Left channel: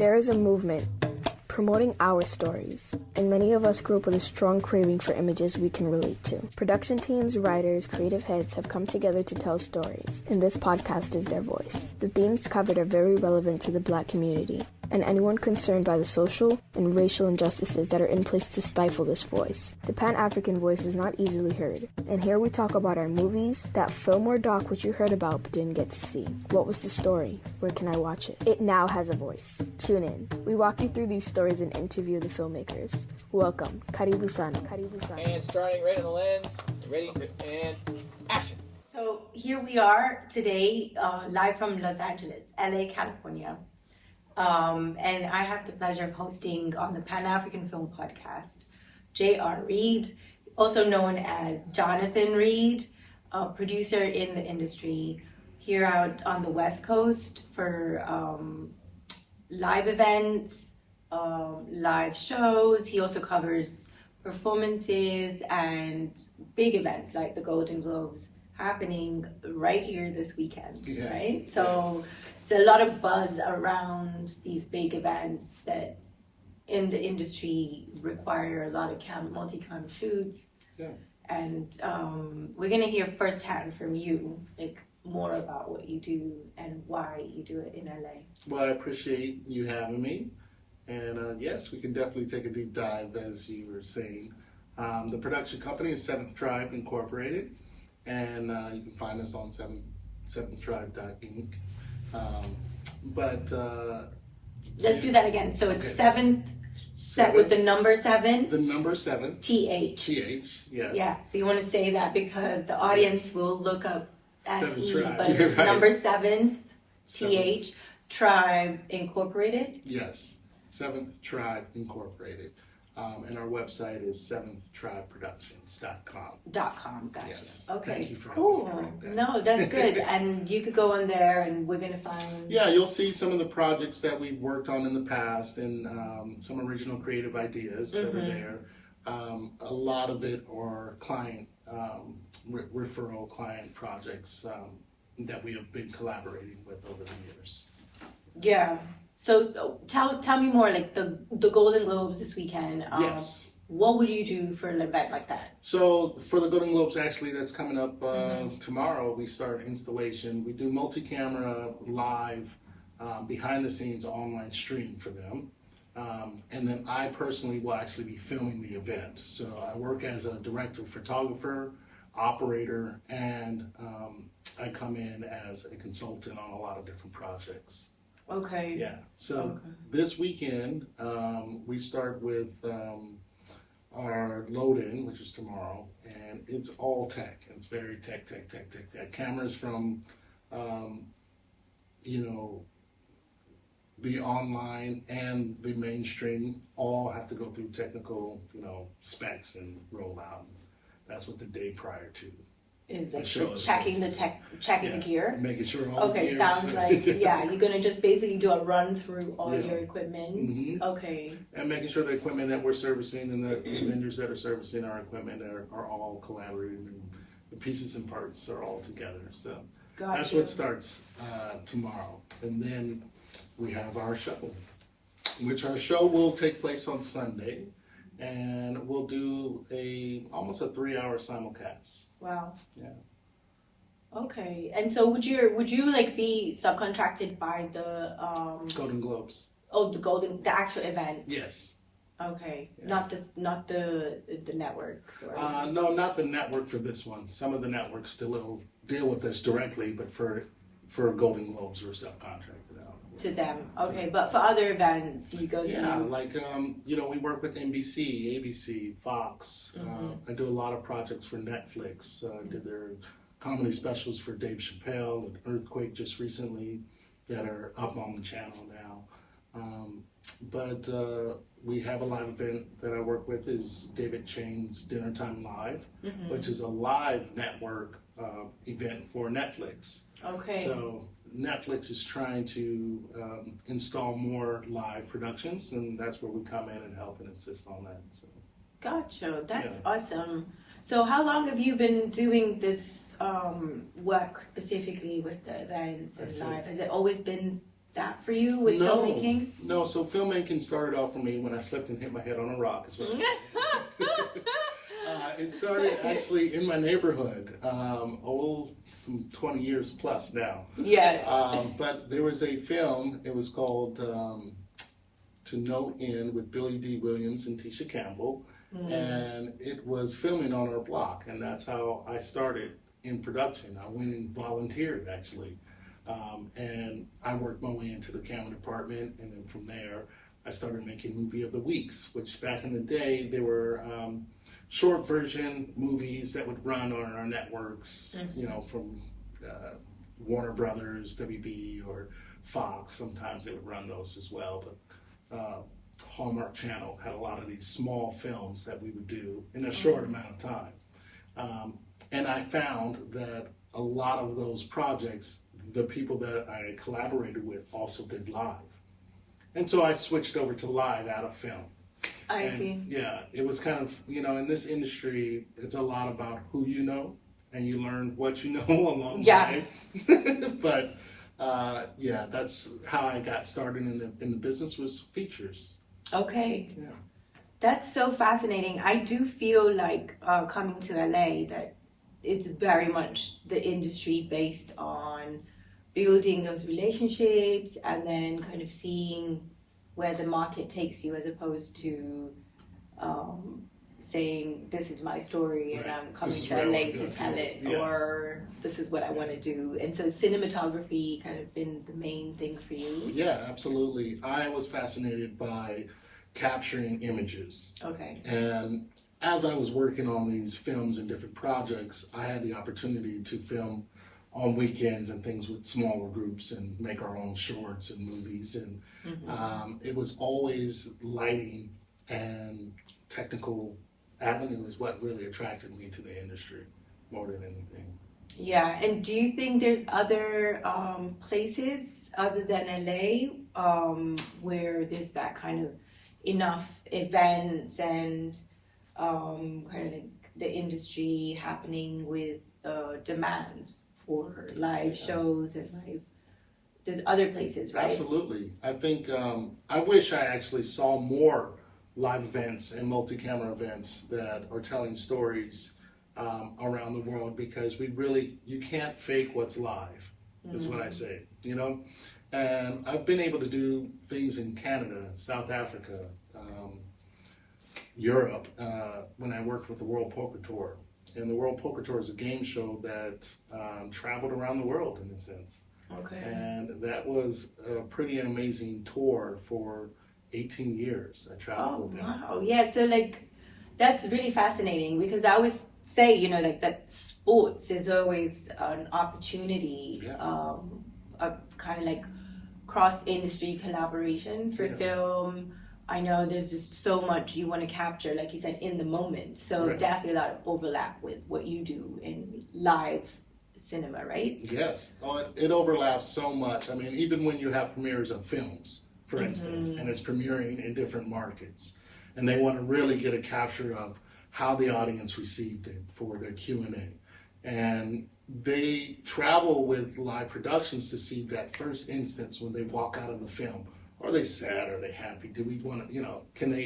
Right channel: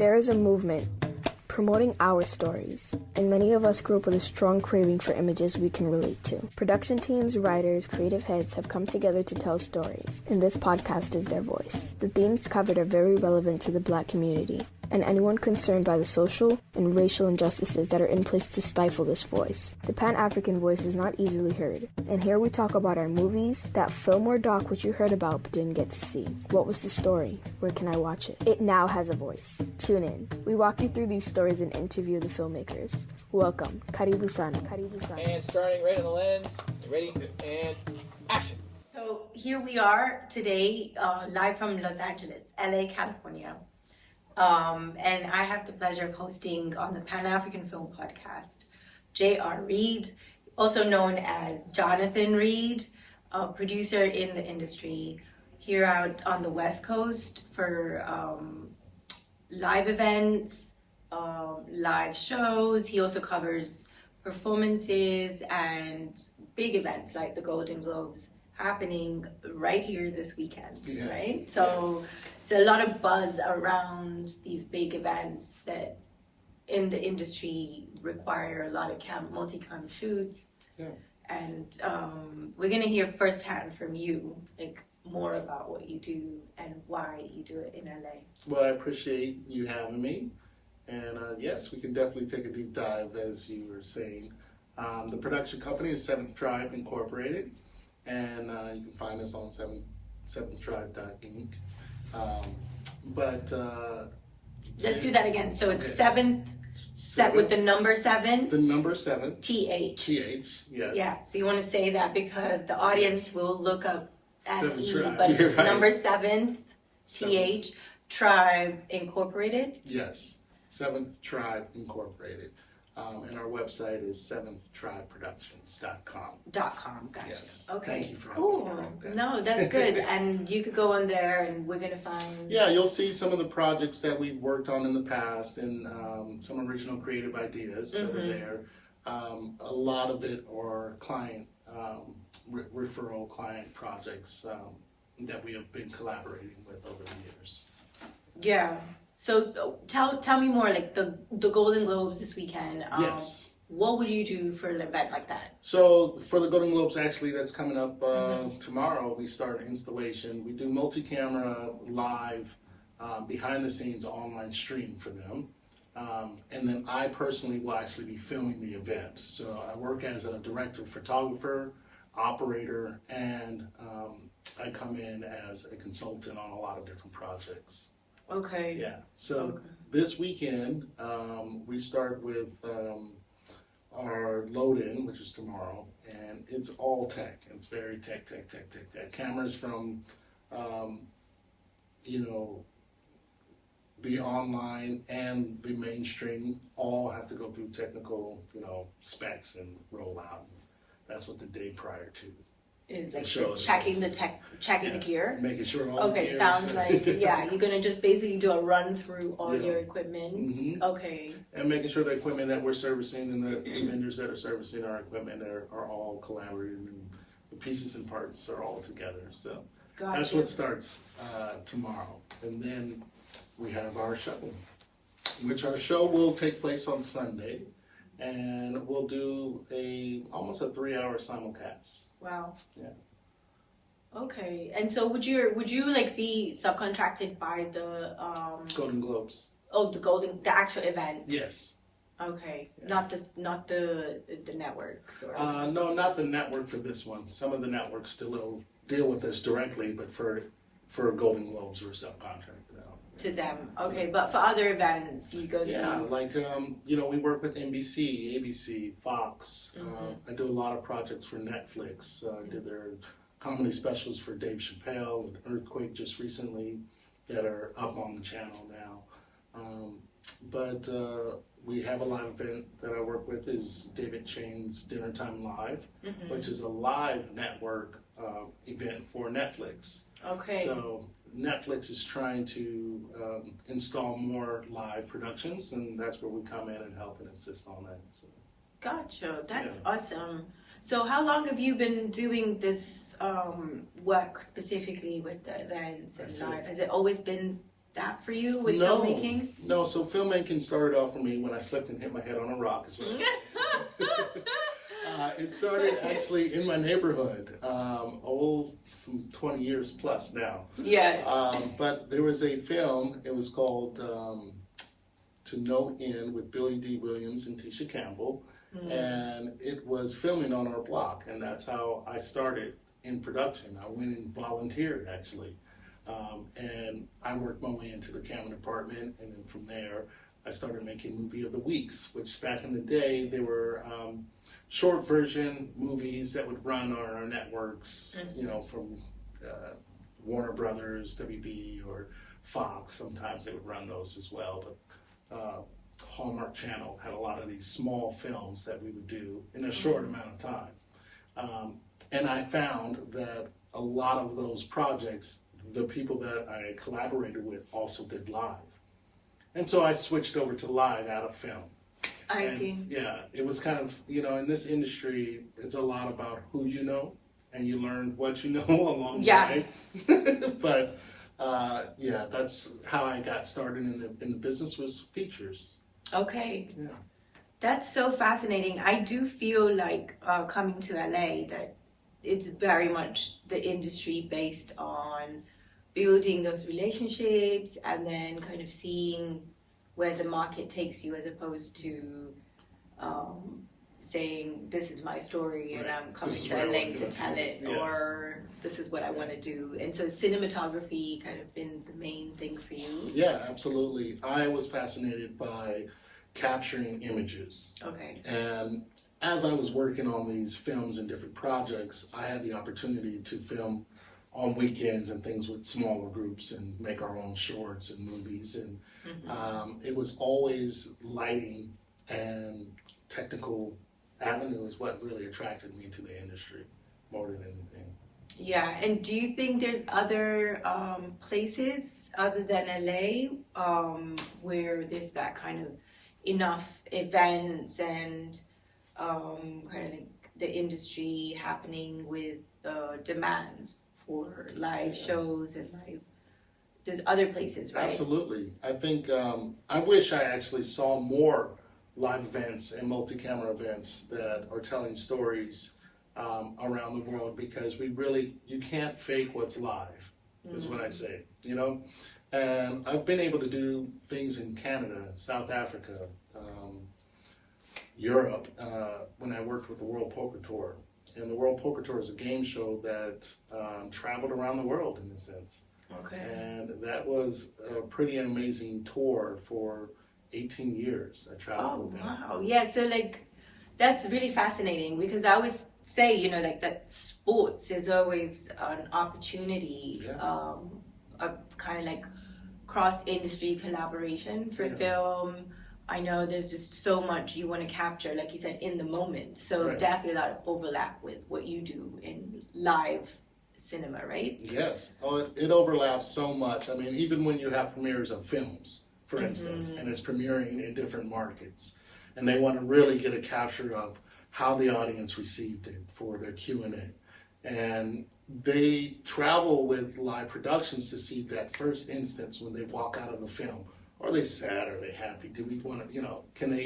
There is a movement promoting our stories, and many of us grew up with a strong craving for images we can relate to. Production teams, writers, creative heads have come together to tell stories, and this podcast is their voice. The themes covered are very relevant to the Black community, and anyone concerned by the social and racial injustices that are in place to stifle this voice. The Pan-African voice is not easily heard, and here we talk about our movies, that film or doc which you heard about but didn't get to see. What was the story? Where can I watch it? It now has a voice. Tune in. We walk you through these stories and interview the filmmakers. Welcome. Karibu sana. Karibu sana. And starting right on the lens. Ready and action. So here we are today, live from Los Angeles, LA, California. And I have the pleasure of hosting on the Pan-African Film Podcast, J.R. Reid, also known as Johnathan Reid, a producer in the industry here out on the West Coast for live events, live shows. He also covers performances and big events like the Golden Globes happening right here this weekend, right? So it's a lot of buzz around these big events that in the industry require a lot of multi-cam shoots. And we're gonna hear firsthand from you, like more about what you do and why you do it in LA. Well, I appreciate you having me. And yes, we can definitely take a deep dive, as you were saying. The production company is Seventh Tribe Incorporated, and you can find us on seventhtribe.inc. Let's do that again. So it's seventh, with the number 7. The number 7. TH. TH, yes. Yeah, so you want to say that because the audience will look up SE, but it's right. number 7th, TH, Tribe Incorporated. Yes, Seventh Tribe Incorporated. And our website is seventhtribeproductions.com. Gotcha. Yes. Okay. Thank you for cool. that. No, that's good. And you could go on there and we're going to find... Yeah, you'll see some of the projects that we've worked on in the past and some original creative ideas that are there. A lot of it are client, referral client projects that we have been collaborating with over the years. Yeah. So tell me more, like the Golden Globes this weekend. Yes. What would you do for an event like that? So for the Golden Globes, actually, that's coming up tomorrow. We start installation. We do multi-camera, live, behind-the-scenes online stream for them. And then I personally will actually be filming the event. So I work as a director, photographer, operator, and I come in as a consultant on a lot of different projects. Okay. Yeah. So this weekend, we start with our load-in, which is tomorrow, and it's all tech. It's very tech. Cameras from, the online and the mainstream all have to go through technical, specs and roll out. That's what the day prior to. Is like checking the gear. Making sure all the gears. Sounds like you're gonna just basically do a run through all your equipment. Okay. And making sure the equipment that we're servicing and the vendors that are servicing our equipment are all collaborating and the pieces and parts are all together. So that's what starts tomorrow. And then we have our show, which our show will take place on Sunday. And we'll do almost a 3-hour simulcast. Wow. Yeah. Okay. And so would you like be subcontracted by the Golden Globes? Oh, the actual event. Yes. Okay. Yeah. Not the networks or no, not the network for this one. Some of the networks still deal with us directly, but for Golden Globes we're subcontracted out. To them, okay, but for other events, you go to... Yeah, like, we work with NBC, ABC, Fox. I do a lot of projects for Netflix. I did their comedy specials for Dave Chappelle and Earthquake just recently that are up on the channel now. But we have a live event that I work with is David Chang's Dinner Time Live, which is a live network event for Netflix. Okay. So Netflix is trying to install more live productions, and that's where we come in and help and assist on that. So. Gotcha. That's awesome. So how long have you been doing this work specifically with the events and live? Has it always been that for you with filmmaking? No, so filmmaking started off for me when I slipped and hit my head on a rock. Is what it started actually in my neighborhood, 20 years plus now. Yeah. But there was a film, it was called To No End with Billy D. Williams and Tisha Campbell. And it was filming on our block, and that's how I started in production. I went and volunteered, actually. And I worked my way into the camera department, and then from there, I started making Movie of the Weeks, which back in the day, they were short version movies that would run on our networks, you know, from Warner Brothers, WB, or Fox. Sometimes they would run those as well, but Hallmark Channel had a lot of these small films that we would do in a short amount of time. And I found that a lot of those projects, the people that I collaborated with also did live. And so I switched over to live out of film. I see. Yeah, it was kind of, you know, in this industry, it's a lot about who you know, and you learn what you know along the way. But yeah, that's how I got started in the business, was features. Okay. Yeah. That's so fascinating. I do feel like coming to LA that it's very much the industry based on building those relationships and then kind of seeing where the market takes you, as opposed to saying, this is my story and I'm coming to LA to tell it, or this is what I want to do. And so cinematography kind of been the main thing for you? Yeah, absolutely. I was fascinated by capturing images. Okay. And as I was working on these films and different projects, I had the opportunity to film on weekends and things with smaller groups and make our own shorts and movies. And it was always lighting and technical avenue is what really attracted me to the industry more than anything. Yeah, and do you think there's other places other than LA where there's that kind of enough events and kind of like the industry happening with demand for live shows and live? There's other places, right? Absolutely. I think I wish I actually saw more live events and multi-camera events that are telling stories around the world, because you can't fake what's live, is what I say, you know? And I've been able to do things in Canada, South Africa, Europe, when I worked with the World Poker Tour. And the World Poker Tour is a game show that traveled around the world, in a sense. Okay. And that was a pretty amazing tour for 18 years. I traveled with them. Wow. Yeah, so like that's really fascinating, because I always say, you know, like that sports is always an opportunity of kind of like cross-industry collaboration for film. I know there's just so much you want to capture, like you said, in the moment. So definitely a lot of overlap with what you do in live cinema, right? Yes. Oh, it overlaps so much. I mean, even when you have premieres of films, for instance, and it's premiering in different markets, and they want to really get a capture of how the audience received it for their Q&A. And they travel with live productions to see that first instance when they walk out of the film. Are they sad? Are they happy? Do we want to, you know,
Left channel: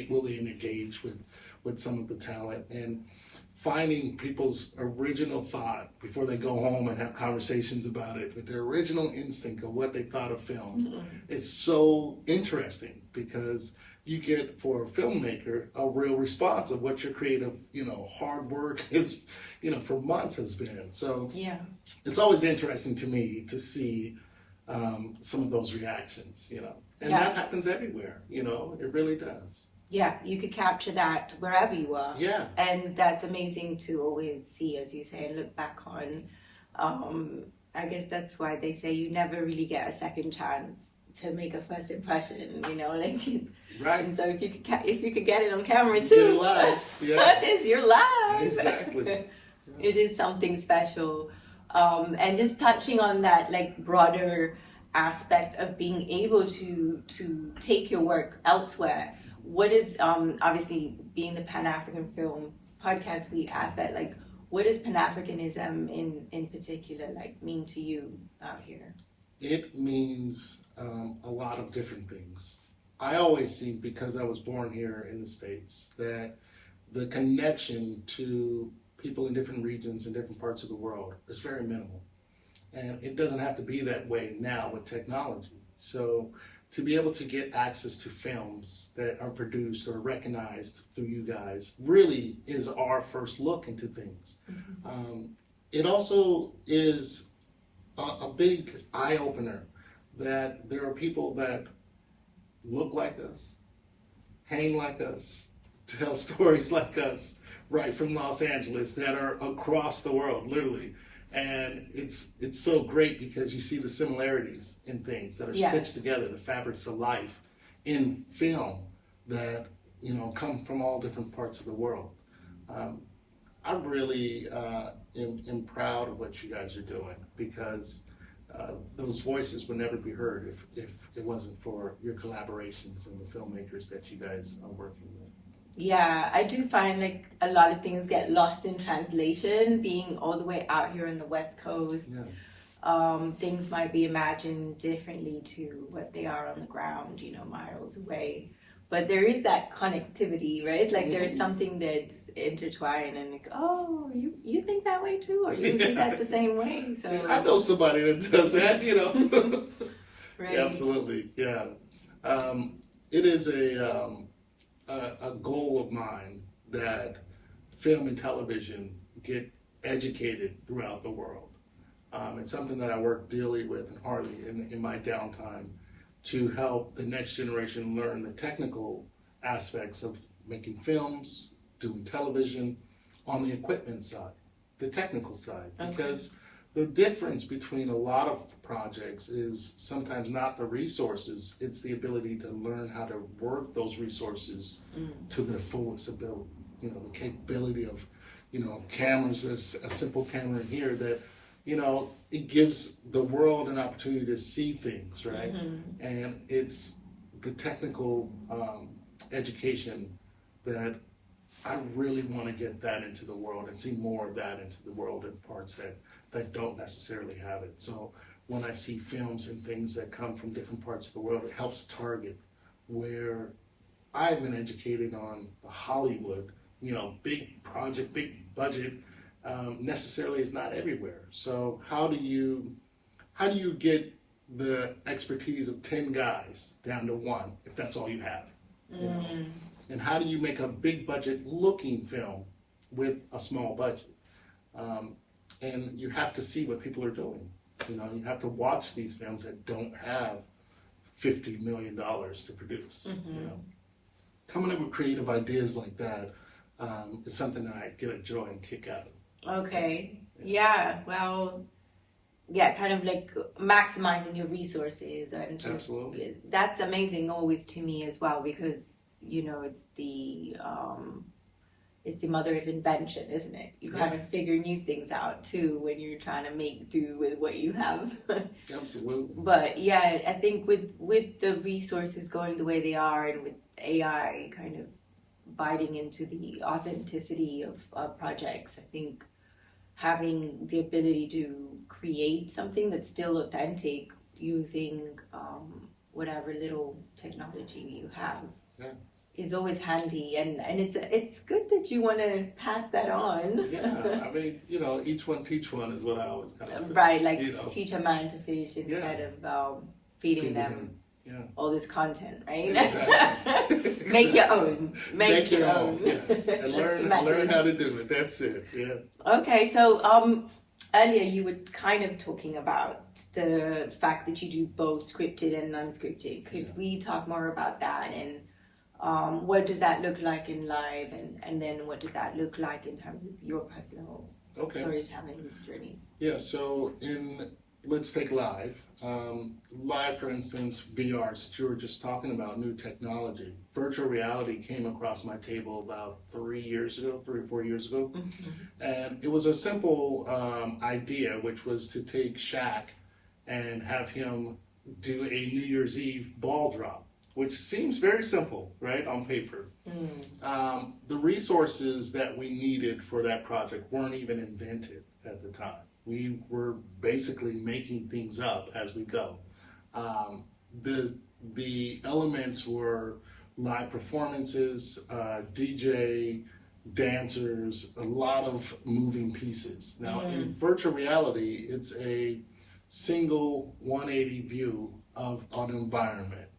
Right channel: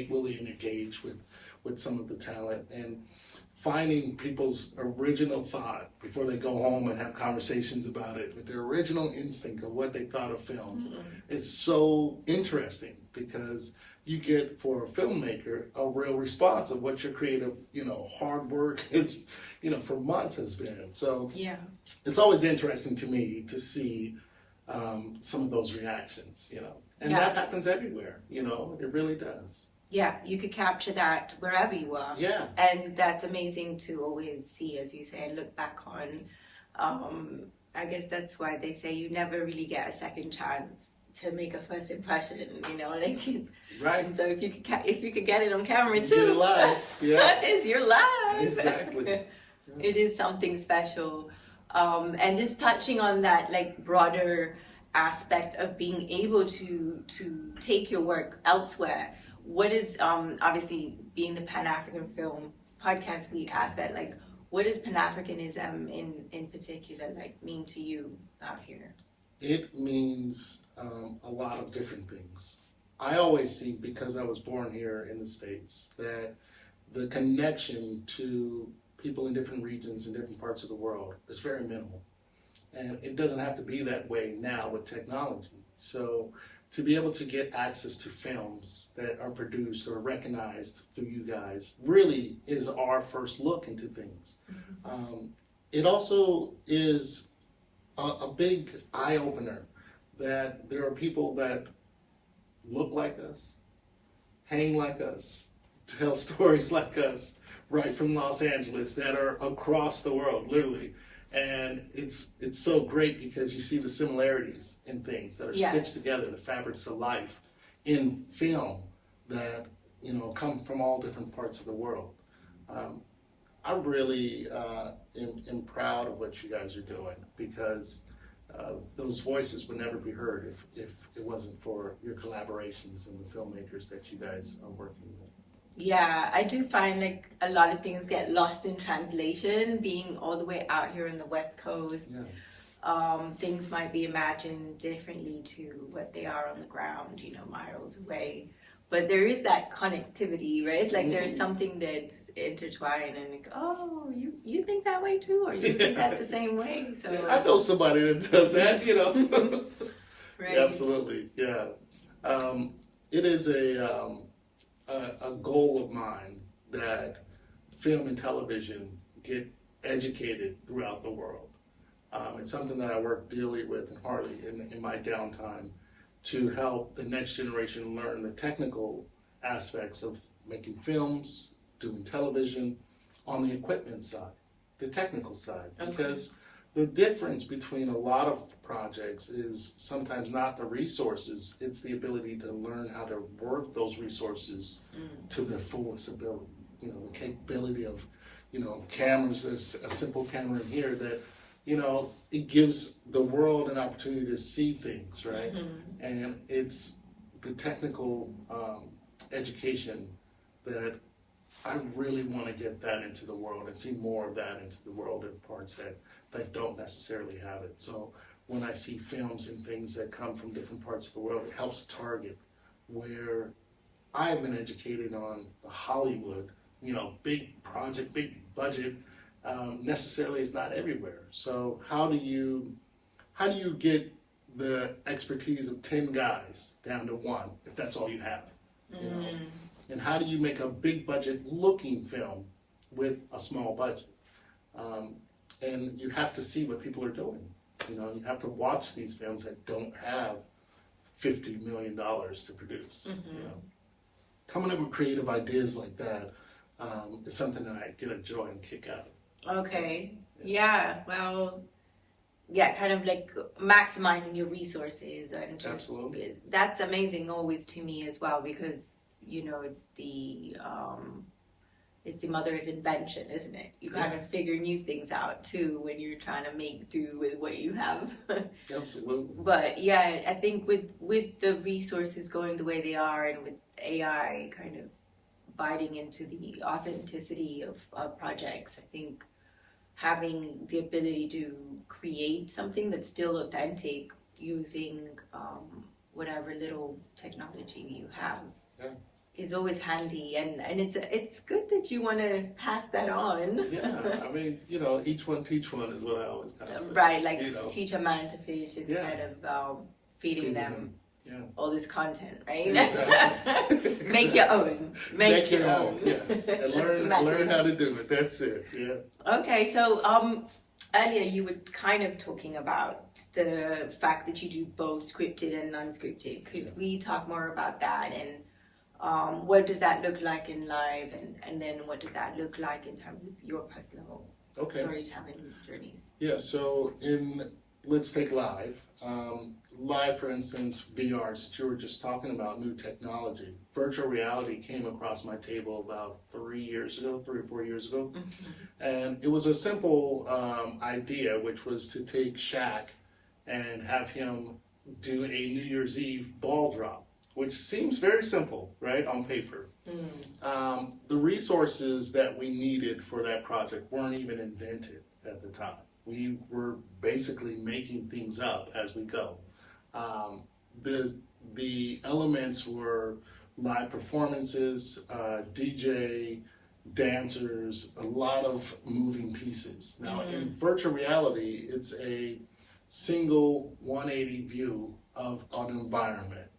will they engage with some of the talent? And finding people's original thought before they go home and have conversations about it, with their original instinct of what they thought of films, it's so interesting, because you get, for a filmmaker, a real response of what your creative, you know, hard work is, you know, for months has been. So it's always interesting to me to see some of those reactions, you know. And that happens everywhere, you know, it really does. Yeah, you could capture that wherever you are. Yeah. And that's amazing to always see, as you say, and look back on. I guess that's why they say you never really get a second chance to make a first impression, you know, like right. And so if you could get it on camera too, you're live. Yeah. you're live. Exactly. It is something special. And just touching on that, like, broader aspect of being able to take your work elsewhere. What is obviously, being the Pan-African Film Podcast, we ask that, like, what does Pan-Africanism in particular like mean to you out here? it means a lot of different things. I always see, because I was born here in the States, that the connection to people in different regions and different parts of the world is very minimal. And it doesn't have to be that way now with technology. So to be able to get access to films that are produced or recognized through you guys really is our first look into things. It also is a big eye-opener that there are people that look like us, hang like us, tell stories like us, right from Los Angeles, that are across the world, literally. And it's so great because you see the similarities in things that are stitched together, the fabrics of life in film that, you know, come from all different parts of the world. I really am proud of what you guys are doing, because those voices would never be heard if it wasn't for your collaborations and the filmmakers that you guys are working with. Yeah, I do find like a lot of things get lost in translation, being all the way out here in the West Coast. Things might be imagined differently to what they are on the ground, you know, miles away. But there is that connectivity, right? Like there's something that's intertwined, and like, oh, you think that way too, or you think that the same way. So I know somebody that does that, you know. Right. Yeah, absolutely, yeah. It is a goal of mine that film and television get educated throughout the world. It's something that I work daily with and hardly in my downtime, to help the next generation learn the technical aspects of making films, doing television, on the equipment side, the technical side. Because the difference between a lot of projects is sometimes not the resources, it's the ability to learn how to work those resources to their fullest ability. You know, the capability of, you know, cameras, there's a simple camera in here that, you know, it gives the world an opportunity to see things, right? And it's the technical education that I really want to get that into the world and see more of that into the world in parts that don't necessarily have it. So when I see films and things that come from different parts of the world, it helps target where I've been educated on Hollywood, you know, big project, big budget, necessarily is not everywhere. So how do you get the expertise of 10 guys down to one, if that's all you have? You know? And how do you make a big budget looking film with a small budget? And you have to see what people are doing. You know, you have to watch these films that don't have $50 million to produce. You know, coming up with creative ideas like that is something that I get a joy and kick out of. Okay. Yeah. Well, yeah, kind of like maximizing your resources, and just, Absolutely. That's amazing always to me as well, because, you know, it's the mother of invention, isn't it? You kind of figure new things out too when you're trying to make do with what you have. Absolutely. But yeah, I think with the resources going the way they are, and with AI kind of biting into the authenticity of projects, I think having the ability to create something that's still authentic using whatever little technology you have is always handy, and it's good that you want to pass that on. Yeah, I mean, you know, each one teach one is what I always kind of say. Right, like, you know, teach a man to fish instead of feeding them all this content, right? Exactly. Make your own. Make your own. Yes, and learn how to do it. That's it. Yeah. Okay, so earlier you were kind of talking about the fact that you do both scripted and unscripted. Could we talk more about that, and what does that look like in live, and then what does that look like in terms of your personal storytelling journeys? Yeah, so let's take live. Live, for instance, VR, since you were just talking about new technology. Virtual reality came across my table about 3 or 4 years ago. And it was a simple idea, which was to take Shaq and have him do a New Year's Eve ball drop, which seems very simple, right, on paper. The resources that we needed for that project weren't even invented at the time. We were basically making things up as we go. The elements were live performances, DJ, dancers, a lot of moving pieces. Now, in virtual reality, it's a single 180 view of an environment.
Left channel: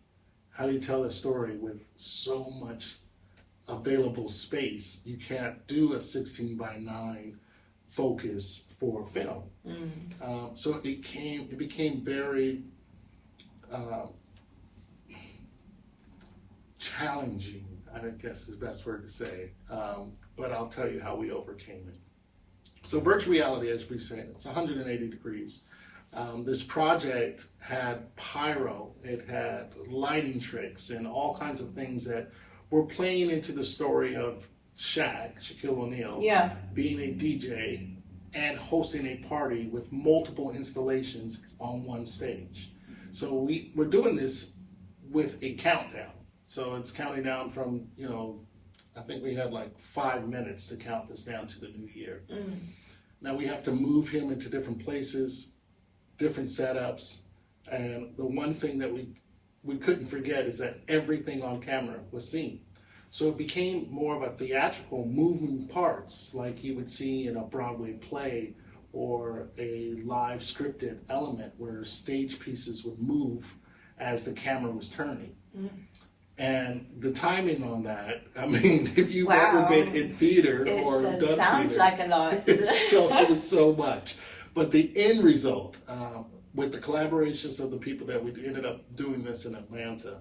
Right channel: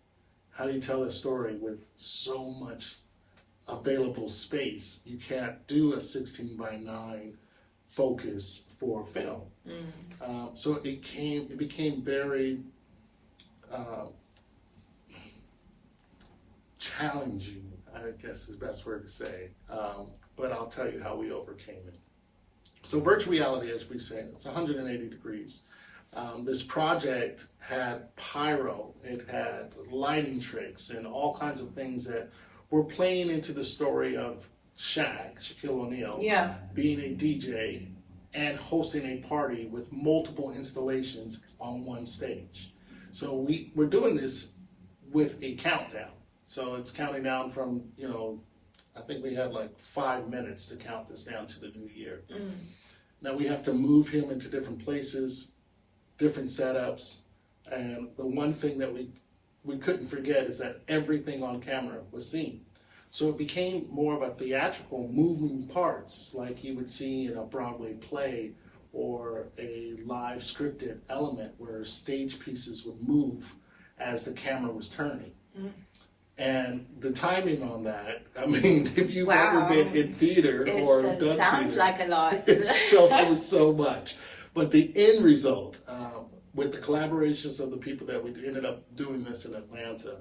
How do you tell a story with so much available space? You can't do a 16 by 9 focus for film. So it became very challenging, I guess is the best word to say, but I'll tell you how we overcame it. So virtual reality, as we said, it's 180 degrees. This project had pyro, it had lighting tricks, and all kinds of things that were playing into the story of Shaquille O'Neal, being a DJ and hosting a party with multiple installations on one stage. So we're doing this with a countdown. So it's counting down from, I think we had like 5 minutes to count this down to the new year. Now we have to move him into different places, different setups, and the one thing that we couldn't forget is that everything on camera was seen. So it became more of a theatrical moving parts like you would see in a Broadway play or a live scripted element where stage pieces would move as the camera was turning. And the timing on that, I mean, if you've ever been in theater or done theater. Sounds like a lot. It was so much. But the end result, with the collaborations of the people that we ended up doing this in Atlanta,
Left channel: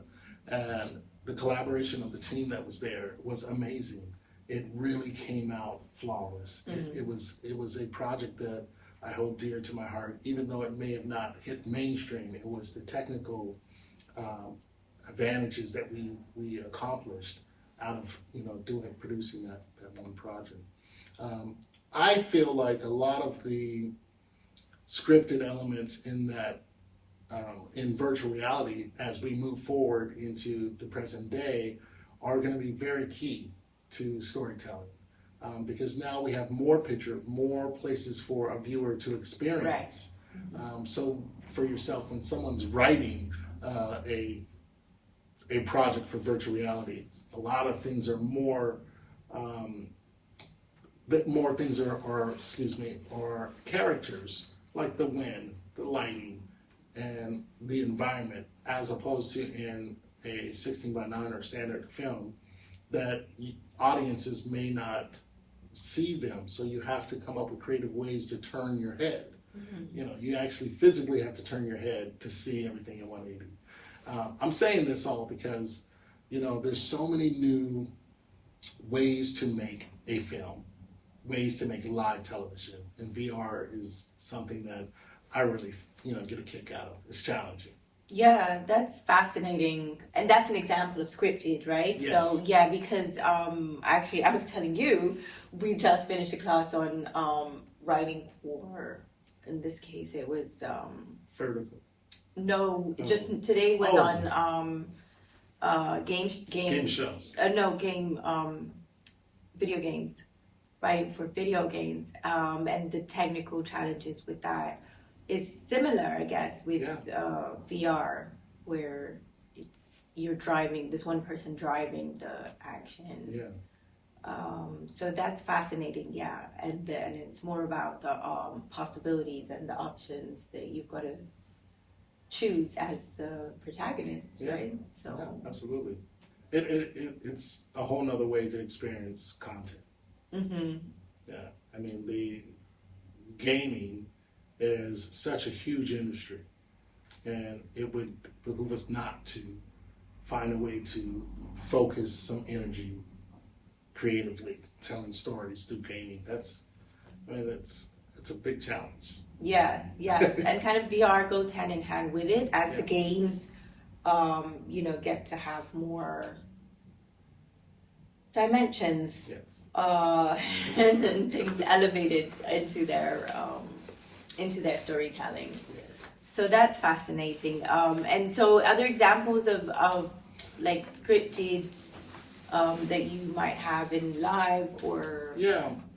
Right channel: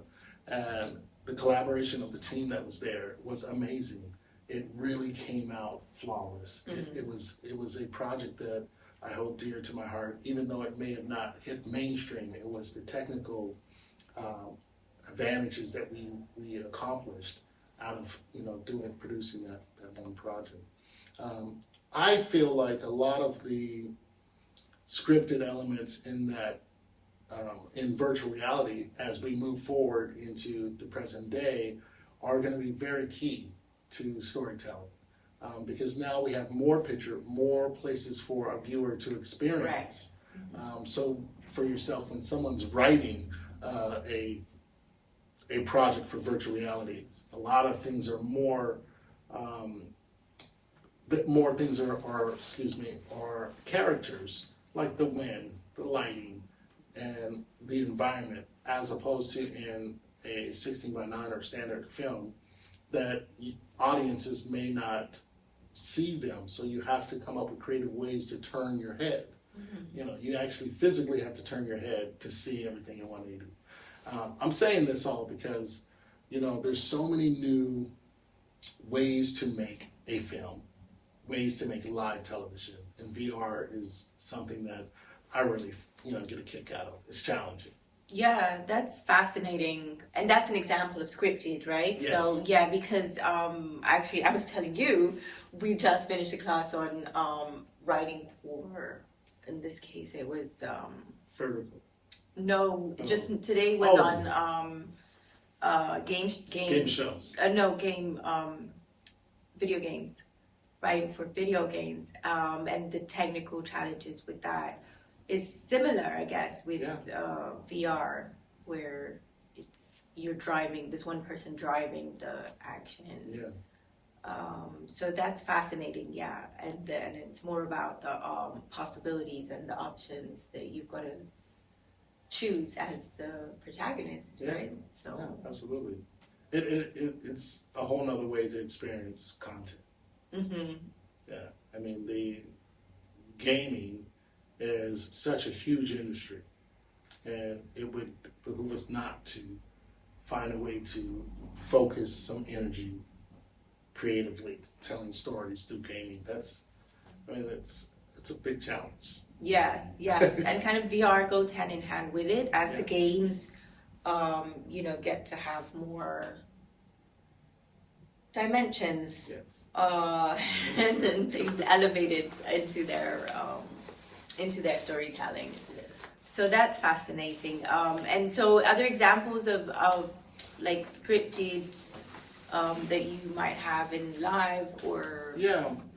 and the collaboration of the team that was there was amazing. It really came out flawless. It was a project that I hold dear to my heart, even though it may have not hit mainstream. It was the technical advantages that we accomplished out of producing that one project. I feel like a lot of the scripted elements in that in virtual reality as we move forward into the present day are going to be very key to storytelling, because now we have more places for a viewer to experience. So for yourself, when someone's writing a project for virtual reality, a lot of things are more are characters, like the wind, the lighting, and the environment, as opposed to in a 16 by 9 or standard film that audiences may not see them. So you have to come up with creative ways to turn your head. You actually physically have to turn your head to see everything in 180. I'm saying this all because, there's so many new ways to make a film, ways to make live television, and VR is something that I really, get a kick out of. It's challenging. Yeah, that's fascinating. And that's an example of scripted, right? Yes. So, yeah, because actually I was telling you, we just finished a class on writing for, in this case, it was... Vertical. No, just today was on game shows. Video games, writing for video games, and the technical challenges with that is similar, I guess, with VR, where you're driving, this one person driving the action. So that's fascinating, and then it's more about the possibilities and the options that you've got to choose as the protagonist, right? So absolutely. It's a whole nother way to experience content. Yeah, I mean, the gaming is such a huge industry, and it would behoove us not to find a way to focus some energy creatively telling stories through gaming. It's a big challenge. Yes, and kind of VR goes hand in hand with it as the games, get to have more dimensions, and things elevated into their storytelling. So that's fascinating. And so other examples of like scripted that you might have in live or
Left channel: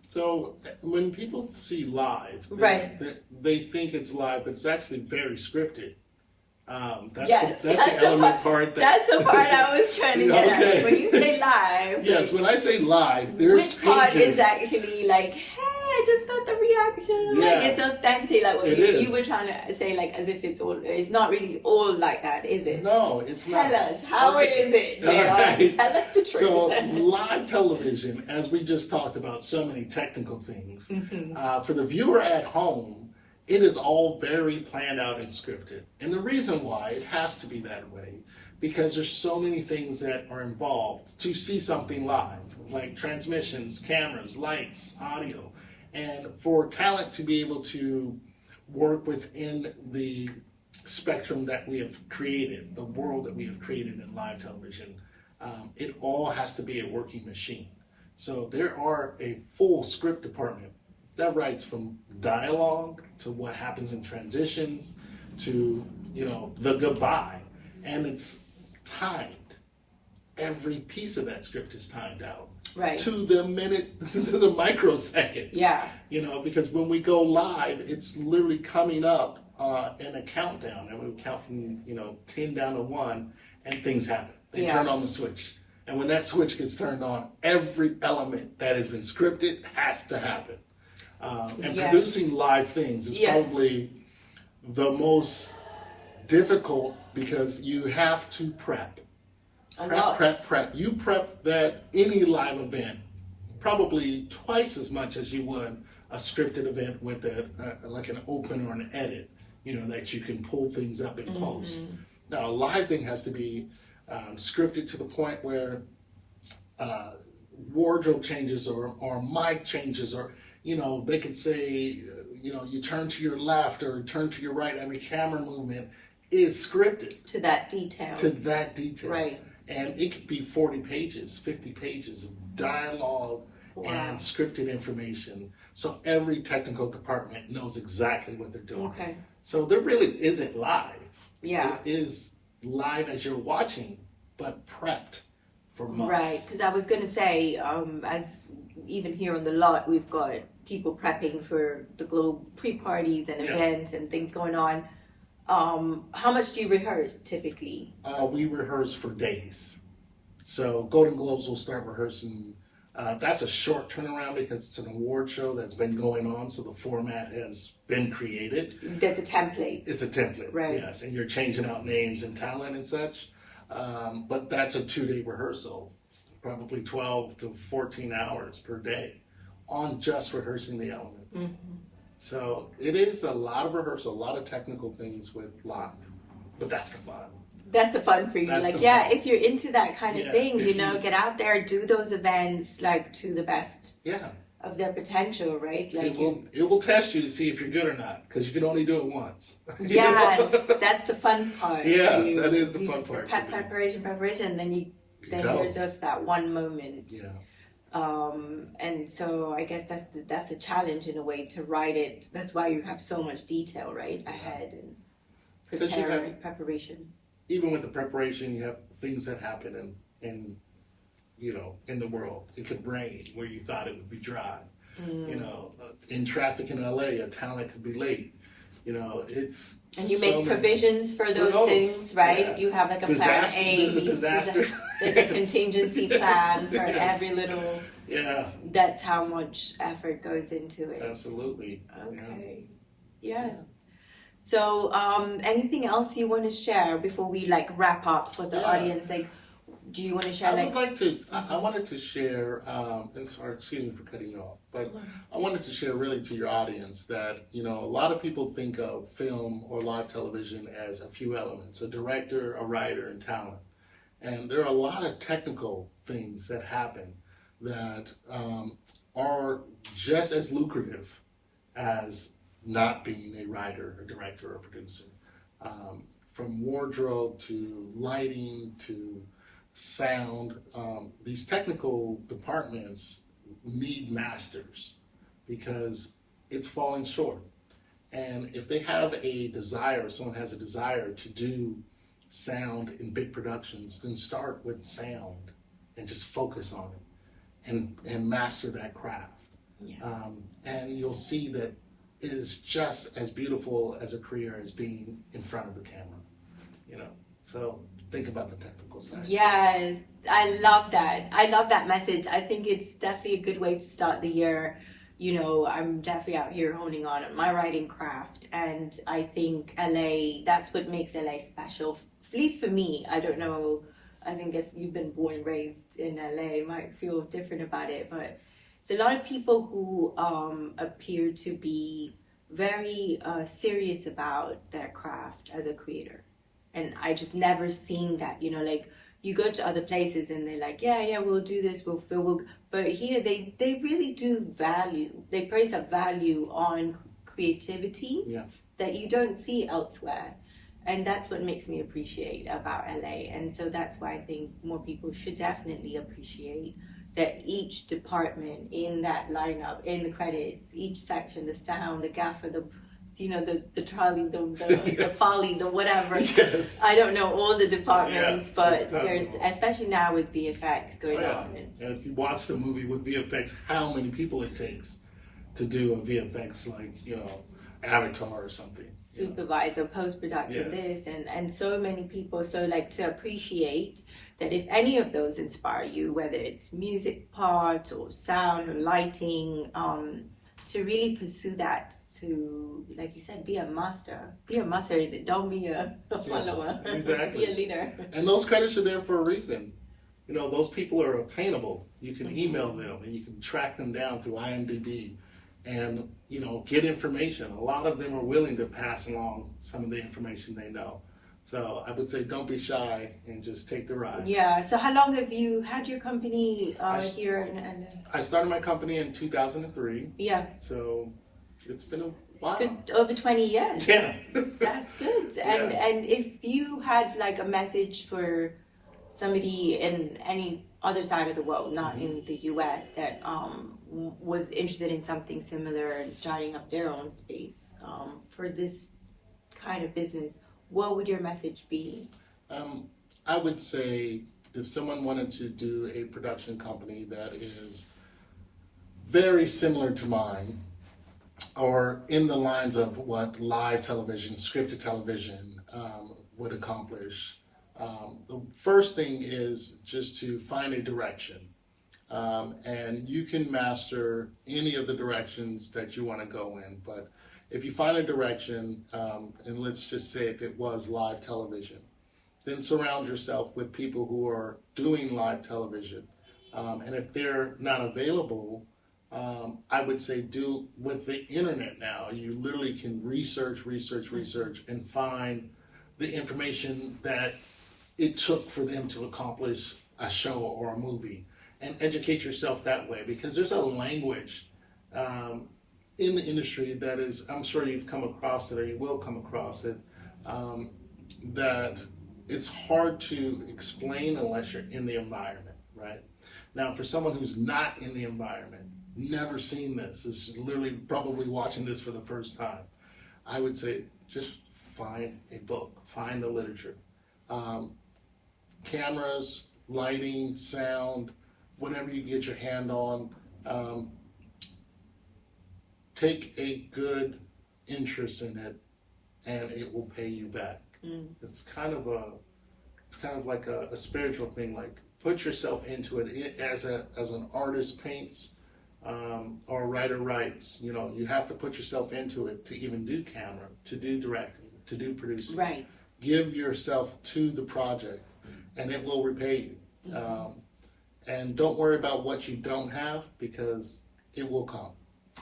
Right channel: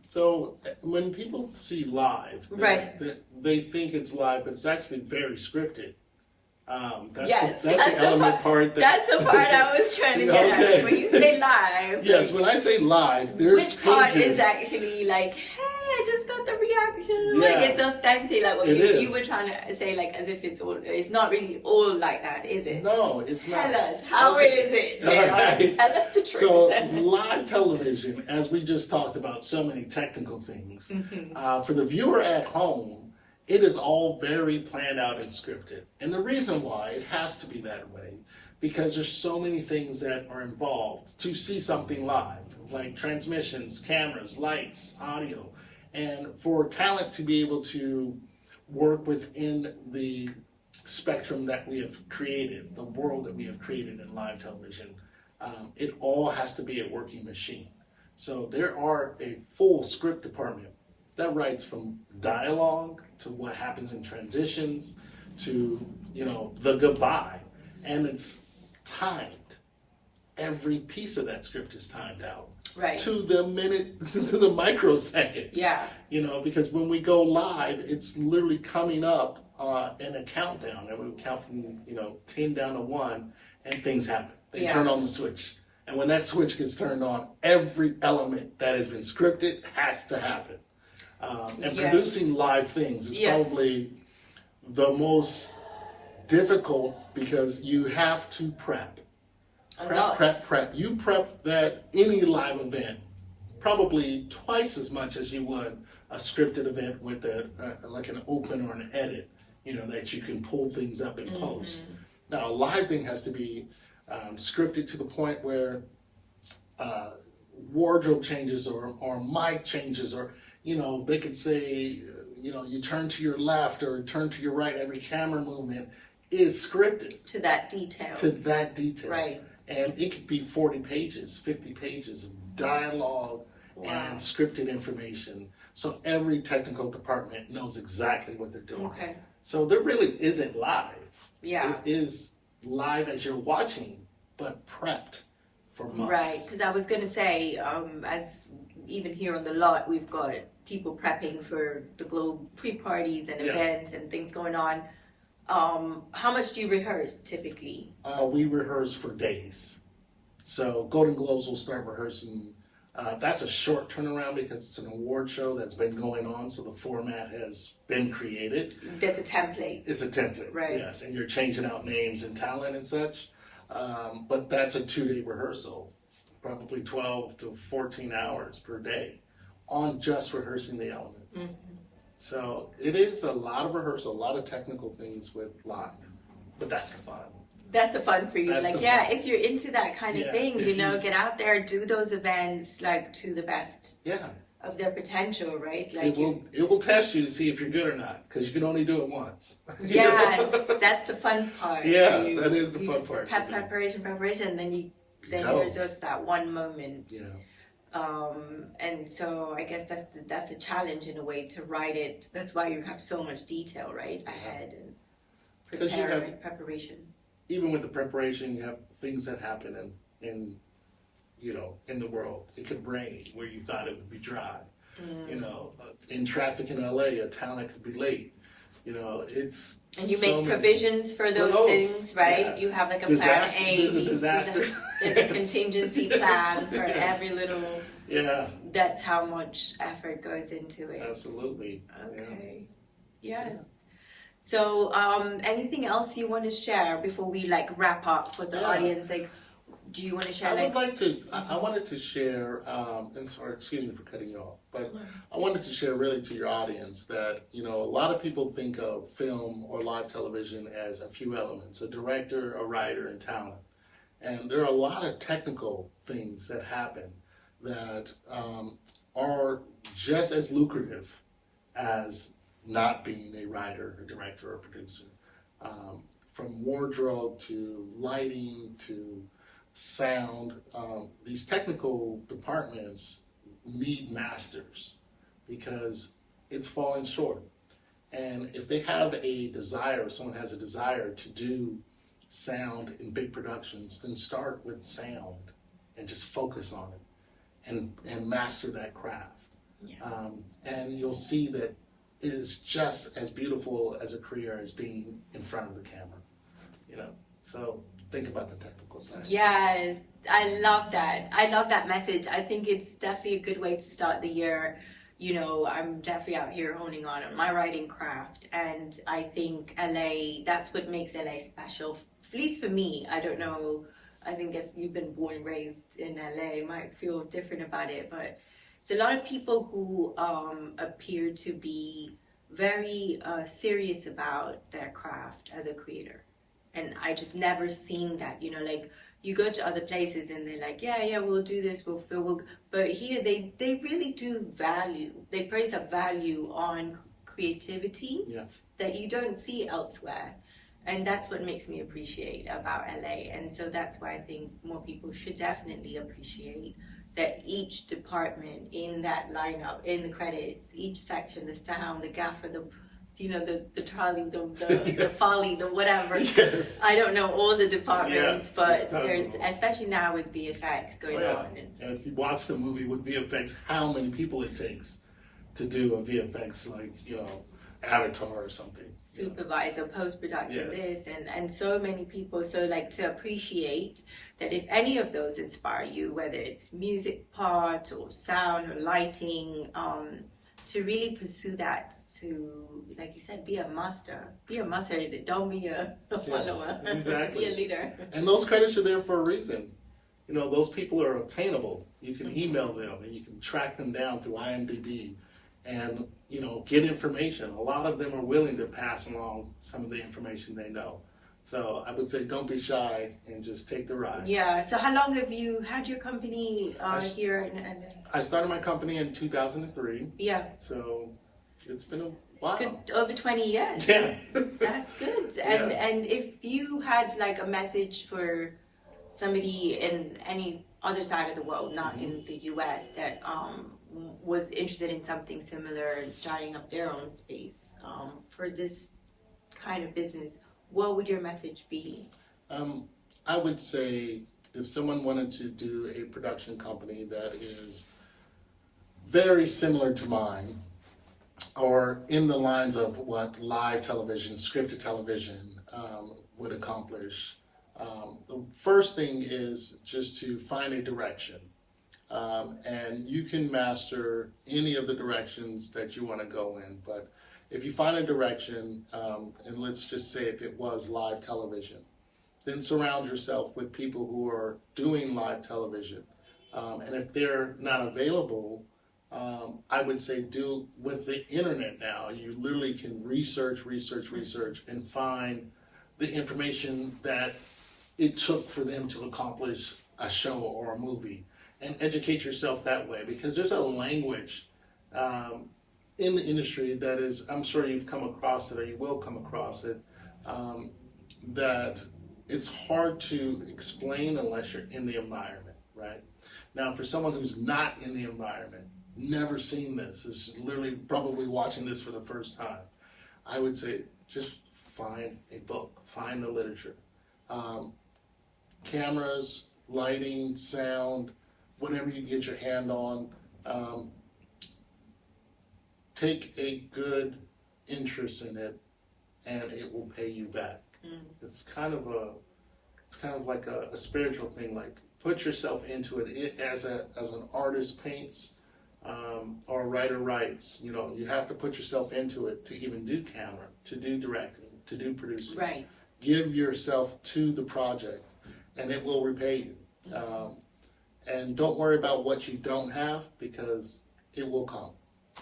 So when people see live, Right. they think it's live, but it's actually very scripted. Yes, that's the element part. That's the part I was trying to get at. Like, when you say live, Yes, when I say live, there's which part pages. is actually like, hey, I just got the reaction. Yeah. Like, it's authentic. Like what It you is. were trying to say, like as if it's not really all like that, is it? No, it's not. Tell us, how is it, JR? All right. Tell us the truth. So live television, as we just talked about so many technical things, for the viewer at home, it is all very planned out and scripted. And the reason why it has to be that way, because there's so many things that are involved to see something live, like transmissions, cameras, lights, audio. And for talent to be able to work within the spectrum that we have created, the world that we have created in live television, it all has to be a working machine. So there are a full script department that writes from dialogue to what happens in transitions to, the goodbye. And it's timed. Every piece of that script is timed out. Right. To the minute, to the microsecond. Yeah. Because when we go live, it's literally coming up in a countdown. And we count from, 10 down to 1, and things happen. They turn on the switch. And when that switch gets turned on, every element that has been scripted has to happen. And producing live things is probably the most difficult because you have to prep. Prep. You prep that any live event probably twice as much as you would a scripted event with like an open or an edit, that you can pull things up in post. Now, a live thing has to be scripted to the point where wardrobe changes or mic changes or they could say, you turn to your left or turn to your right. Every camera movement is scripted. To that detail. Right. And it could be 40 pages, 50 pages of dialogue and scripted information. So every technical department knows exactly what they're doing. Okay. So there really isn't live. Yeah. It is live as you're watching, but prepped for months. Right. Because I was going to say, as even here on the lot, we've got people prepping for the Globe pre-parties and events and things going on. How much do you rehearse typically? We rehearse for days. So Golden Globes will start rehearsing. That's a short turnaround because it's an award show that's been going on. So the format has been created. That's a template. It's a template. Right. Yes. And you're changing out names and talent and such. But that's a 2-day rehearsal. Probably 12 to 14 hours per day on just rehearsing the elements. So it is a lot of rehearsal, a lot of technical things with live, but that's the fun. That's the fun for you. That's If you're into that kind of thing, get out there, do those events to the best of their potential, right? It will test you to see if you're good or not, because you can only do it once. That's the fun part. Yeah, that is the fun part. Preparation, then there's just that one moment. Yeah. And so I guess that's the challenge in a way to write it. That's why you have so much detail, right, ahead and preparation. Even with the preparation, you have things that happen in the world. It could rain where you thought it would be dry. In traffic in LA, a talent could be late. And you make provisions for those things, right? Yeah. You have like a plan A. There's a disaster. There's a contingency plan for every little. Yeah. That's how much effort goes into it. Absolutely. Okay. Yeah. Yes. So, anything else you want to share before we wrap up for the audience? Do you want to share? I wanted to share, and sorry, excuse me for cutting you off, but I wanted to share really to your audience that, a lot of people think of film or live television as a few elements, a director, a writer, and talent. And there are a lot of technical things that happen that are just as lucrative as not being a writer, a director, or a producer. From wardrobe to lighting to sound, these technical departments need masters because it's falling short. And if they have a desire, someone has a desire to do sound in big productions, then start with sound and just focus on it and master that craft. And you'll see that it is just as beautiful as a career as being in front of the camera, you know. So think about the technical side. Yes, I love that. I love that message. I think it's definitely a good way to start the year. You know, I'm definitely out here honing on my writing craft, and I think LA, that's what makes LA special, at least for me. I don't know, I think as you've been born and raised in LA, might feel different about it, but it's a lot of people who appear to be very serious about their craft as a creator. And I just never seen that, you know, like you go to other places and they're like, yeah, we'll do this, but here they really do they place a value on creativity that you don't see elsewhere. And that's what makes me appreciate about LA. And so that's why I think more people should definitely appreciate that each department in that lineup, in the credits, each section, the sound, the gaffer, the trolley, the folly, the whatever. Yes. I don't know all the departments, but there's especially now with VFX going on. And if you watch the movie with VFX, how many people it takes to do a VFX, like, you know, Avatar or something. Supervisor, post-production, this, and so many people. So like to appreciate that if any of those inspire you, whether it's music parts or sound or lighting, to really pursue that, to, like you said, be a master. Don't be a follower. Exactly. Be a leader. And those credits are there for a reason. You know, those people are obtainable. You can email them and you can track them down through IMDb and, you know, get information. A lot of them are willing to pass along some of the information they know. So I would say don't be shy and just take the ride. Yeah. So how long have you had your company here in LA? I started my company in 2003. Yeah. So it's been a while. Good, over 20 years. Yeah. That's good. And if you had like a message for somebody in any other side of the world, not in the US, that was interested in something similar and starting up their own space for this kind of business, what would your message be? I would say if someone wanted to do a production company that is very similar to mine, or in the lines of what live television, scripted television would accomplish, the first thing is just to find a direction. And you can master any of the directions that you want to go in, but if you find a direction, and let's just say if it was live television, then surround yourself with people who are doing live television. And if they're not available, I would say do with the internet now. You literally can research, and find the information that it took for them to accomplish a show or a movie, and educate yourself that way, because there's a language in the industry that is, I'm sure you've come across it or you will come across it, that it's hard to explain unless you're in the environment, right? Now, for someone who's not in the environment, never seen this, is literally probably watching this for the first time, I would say just find a book, find the literature. Cameras, lighting, sound, whatever you get your hand on, take a good interest in it, and it will pay you back. It's kind of like a spiritual thing. Like, put yourself into it as an artist paints, or a writer writes. You know, you have to put yourself into it to even do camera, to do directing, to do producing. Right. Give yourself to the project, and it will repay you. And don't worry about what you don't have, because it will come.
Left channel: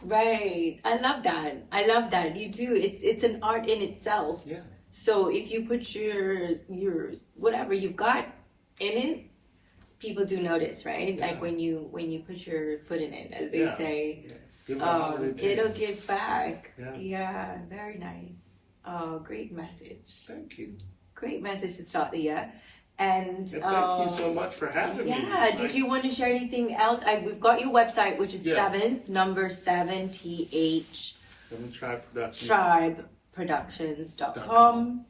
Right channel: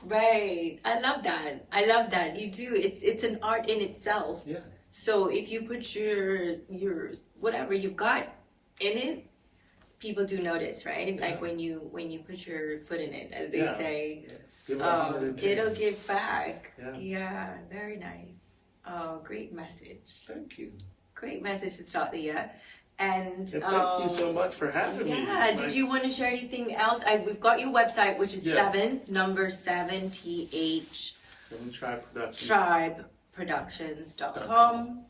Right. I love that. You do. It's an art in itself. Yeah. So if you put your whatever you've got in it, people do notice, right? Yeah. Like when you put your foot in it, as they say, Give it 110. it'll give back. Yeah. Very nice. Oh, great message. Thank you. Great message to start the year. And thank you so much for having me. Yeah. Did you want to share anything else? We've got your website, which is 7 TH 7 Tribe Productions. tribeproductions.com.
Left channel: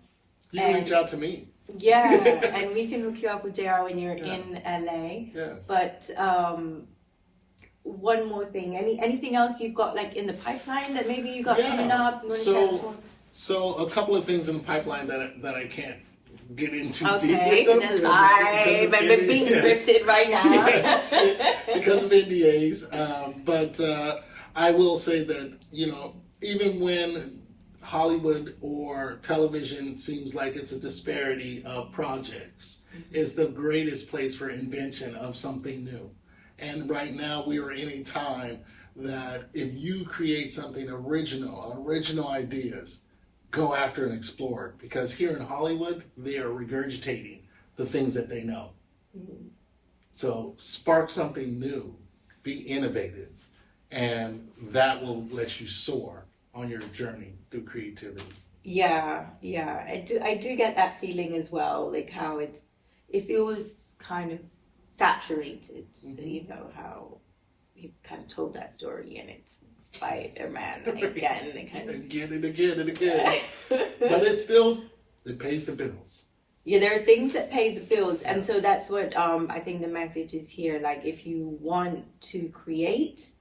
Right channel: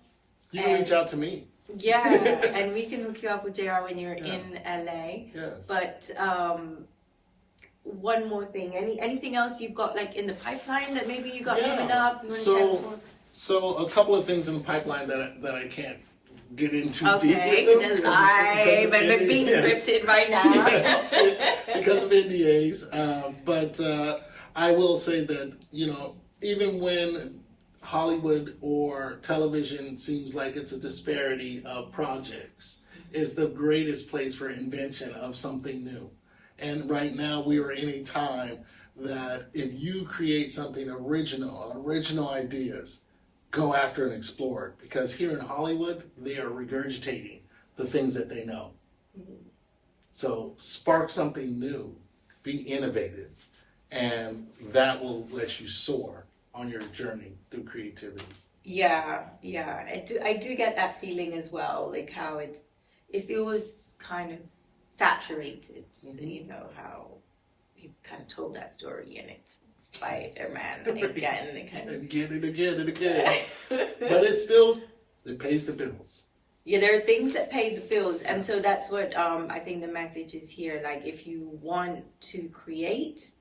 You can reach out to me. Yeah, and we can hook you up with JR when you're in LA. Yes. But one more thing. Anything else you've got like in the pipeline that maybe you got coming up? You want to share before? So a couple of things in the pipeline that I can't get into deep Okay, with them that's fine. But we're being scripted right now. Yes, because of NDAs. But I will say that, even when Hollywood or television seems like it's a disparity of projects, is the greatest place for invention of something new. And right now we are in a time that if you create something original ideas, go after and explore it. Because here in Hollywood, they are regurgitating the things that they know. Mm-hmm. So spark something new, be innovative, and that will let you soar on your journey through creativity. Yeah. I do get that feeling as well, like how it feels kind of saturated. Mm-hmm. How you've kind of told that story, and it's Spider-Man again and again. But it pays the bills. Yeah, there are things that pay the bills, and so that's what I think the message is here. Like, if you want to create,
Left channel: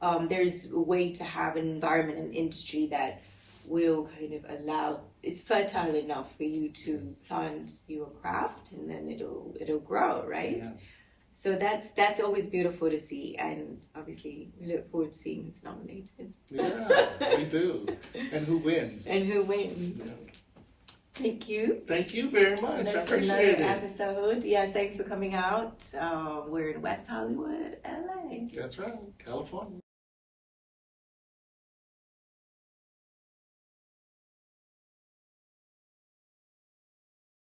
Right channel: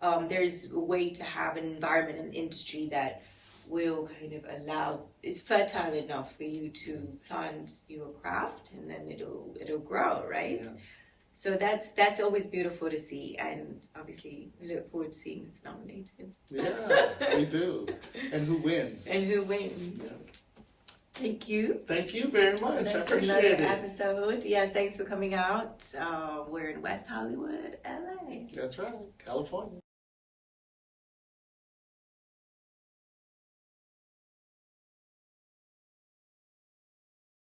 there's a way to have an environment and industry that will kind of allow, it's fertile enough for you to plant your craft, and then it'll grow, right? Yeah. So that's always beautiful to see, and obviously we look forward to seeing who's nominated. Yeah, we do. And who wins. Yeah. Thank you. Thank you very much. That's I appreciate another it. episode. Yes, thanks for coming out. We're in West Hollywood, LA. That's right, California.